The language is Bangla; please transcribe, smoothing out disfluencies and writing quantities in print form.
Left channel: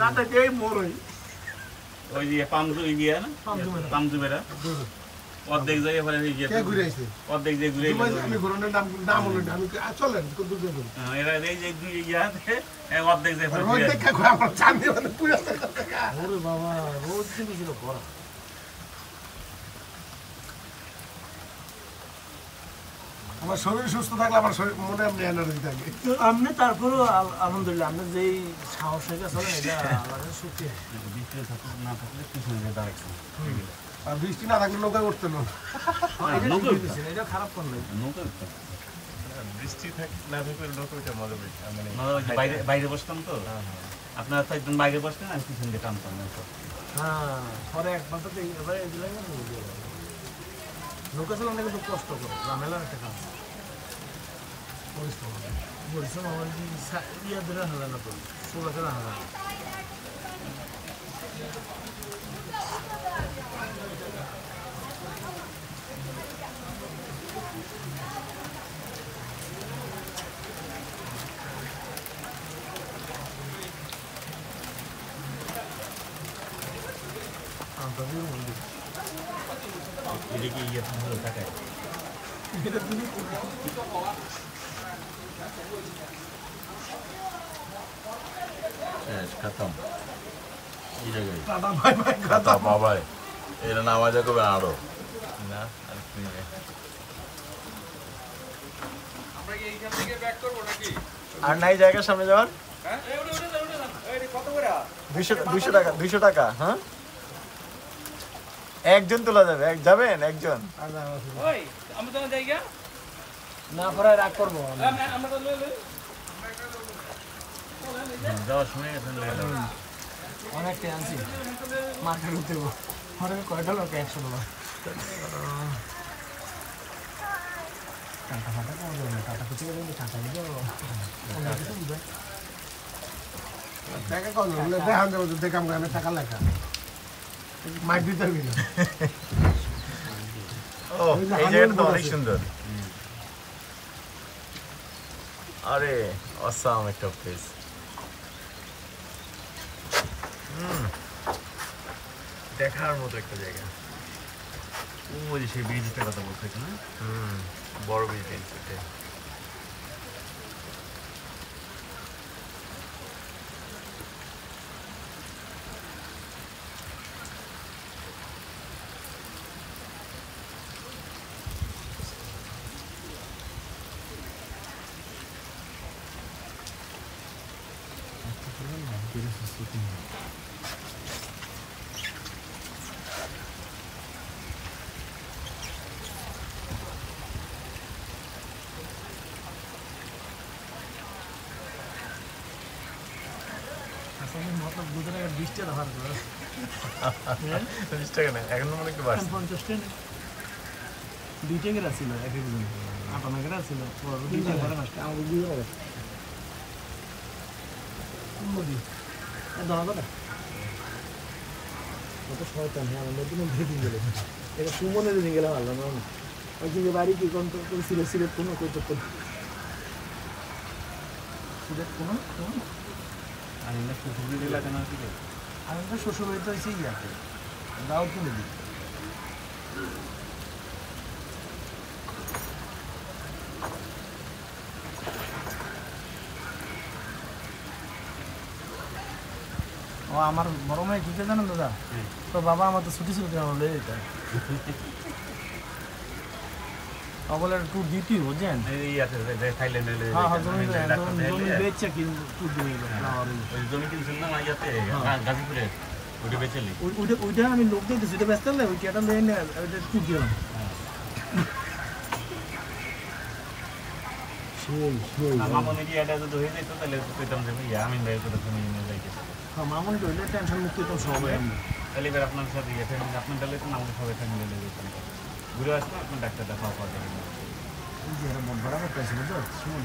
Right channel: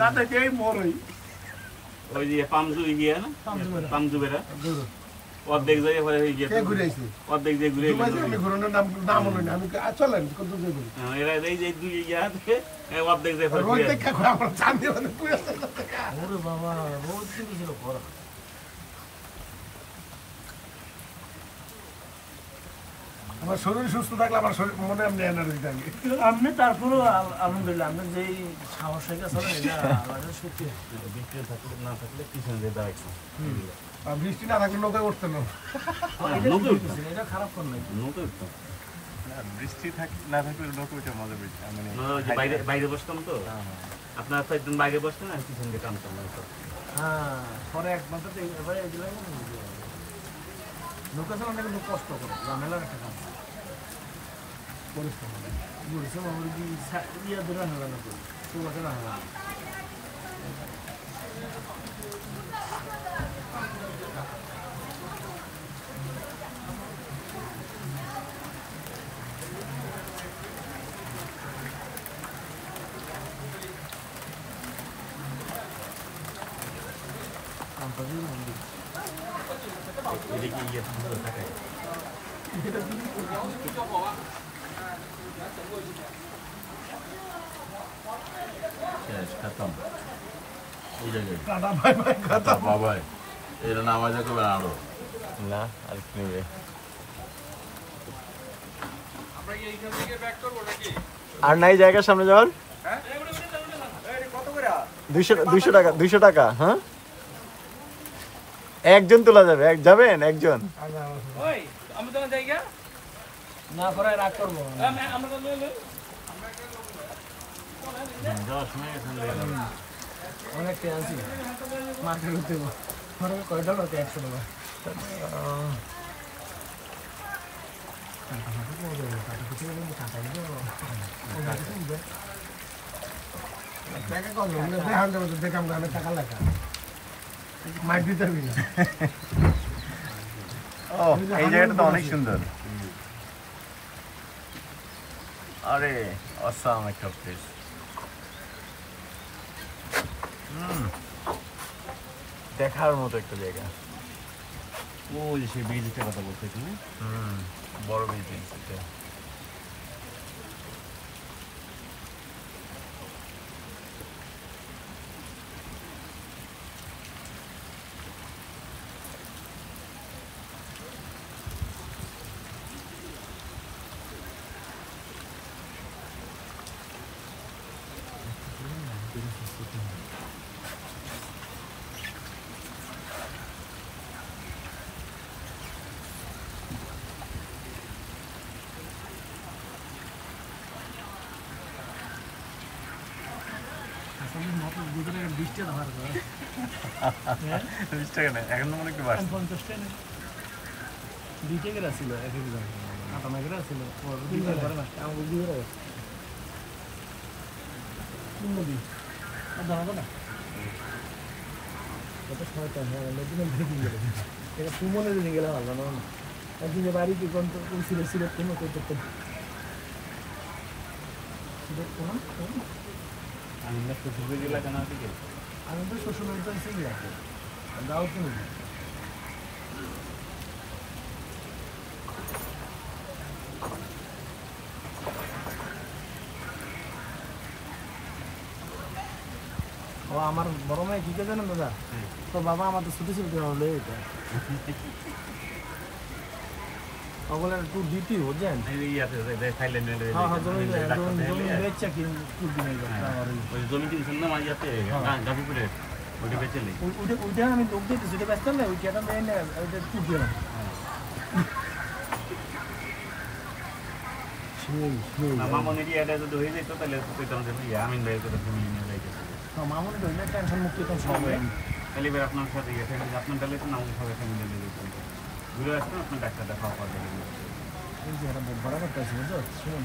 দাদাই মরই ওই যে পামজু ইয়া না পামজু বেরা অর্ধেক জায়গায় পরে হয়ে গিয়ে ঘুরে আইছে অর্ধেক যে ঘুরে আমি ঘুরনের নাম হলো না আমি চলেন কত দূর যাবেন এরা এই যে দুই ইয়াতে অর্ধেক জায়গায় পরে ওই দেখা ঘুরে আমার চাঁদি মানে পুরো ওরে বাবা রোজ দিন ছিল করা আমার শরীর সুস্থ থাকলে আমার শরীর মনে এমনি এনার্জি থাকে আপনি তারপরে আলহামদুলিল্লাহ আপনি যেই সাহস হয়ে গেছে এটা আল্লাহর শক্তি বৃষ্টি থাকলে না থাকলে পিছন দিয়ে দাও একটু আর বৃষ্টি না থাকলে নৌকা উঠতে না এটা খারাপ কোন নাই নৌকা একটু বৃষ্টি না থাকলে নৌকা ওইটা মজা পেয়েছে মানে বাইরে বাইরে বসতাম তো আপনারা তো একদম বাইরে বসতেন আর পিছন দিয়ে টানতাম হ্যাঁ পরে একবার তো এবারে দিলাম নৌকা চালানো কিন্তু কষ্ট করে ঝামেলার একটা কাজ পরিশ্রম আমার কি ইয়া ধরে হারা না তো সোলা ধরে হারা এটা কি ইয়ে ভালো থাকে খতম এই জায়গায় দাদা ভাই ভাই কথা বাবাই এটা নামাজে করবে আরো না আর কি নেবে আমরা কি এইখান থেকে ব্যাক করব নাকি আর নাই জায়গার সামনে যাওয়ার হ্যাঁ এই কত করে 200 টাকা 200 টাকা হ্যাঁ একজন তোলা যাবে যাবেন একজন ওই আমরা তো জায়গা না পরে রাগ করবো আমরা তো লই যাওয়ার সময় অনেক টেনছি মাঠে উঠতে পরে কয়টা লোক একশো না টাকা কম হলে দেখান দেবো তো দেখাম গানে টাকা লেখা মাই ভিতর গেলে ও এই জায়গাটা তো অনেক সুন্দর আরে অসাম একটা প্লেস দেখার মতো একটা জায়গা ওই যে সেই ব্রিজটার কথা বলতেছে না বড় বিল্ডিং এটা গুজরাট 20 টাকা ধার করে 20 টাকা না এখন মনে একটু বাড়ছে 50 টাকা দুইটা গেরা ছিল এক একজন আপনার গেরা ছিল দুইটা করে না আমার দুই করে কোনদিন দাও দাও কত শর্ত আমি আমার নতুন ভেবে গেল এটা সুমনে দিন গেলাম আল্লাহ না ওই যে বাড়ি কি কোন কোন ছিল ছিল কোন করতে আমি শ্বশুর বাড়ি এলাকা না থেকে আমি তো শ্বশুর বাড়িতে আছি গিয়ে যাও তো নেই ও আমার বড় মেয়ে কি কে জানেন দাদা তো বাবা আমার তো ছুটি ছিল বলে এটা বলে একটু দিতি বুঝছেন এই আছে থাইল্যান্ডের হ্যাঁ হ্যাঁ জমি বেচছে কি জমি কিনছিল না মাইয়াতে গাজীপুরে ওটা বেচেলি ওইটা আমি লোক দিয়ে সেটা ব্যস্ত না ওই কেটা লোন ওইটা একটু দিলাম মামনি দিয়ে এটা যদি হয়ে যেত তাহলে পেতাম যে আমি বের করে তুমি নিয়ে যাইতে মামুনি রইল টেনশন মুক্ত তো সবাই তাহলে এবার আপনার সাথে গেছে আপনার তাহলে তো আমাদের সবাই ফ্যামিলি দিয়ে যেতাম ঘুরে আসতাম আপনার ডাক্তার দেখাও করে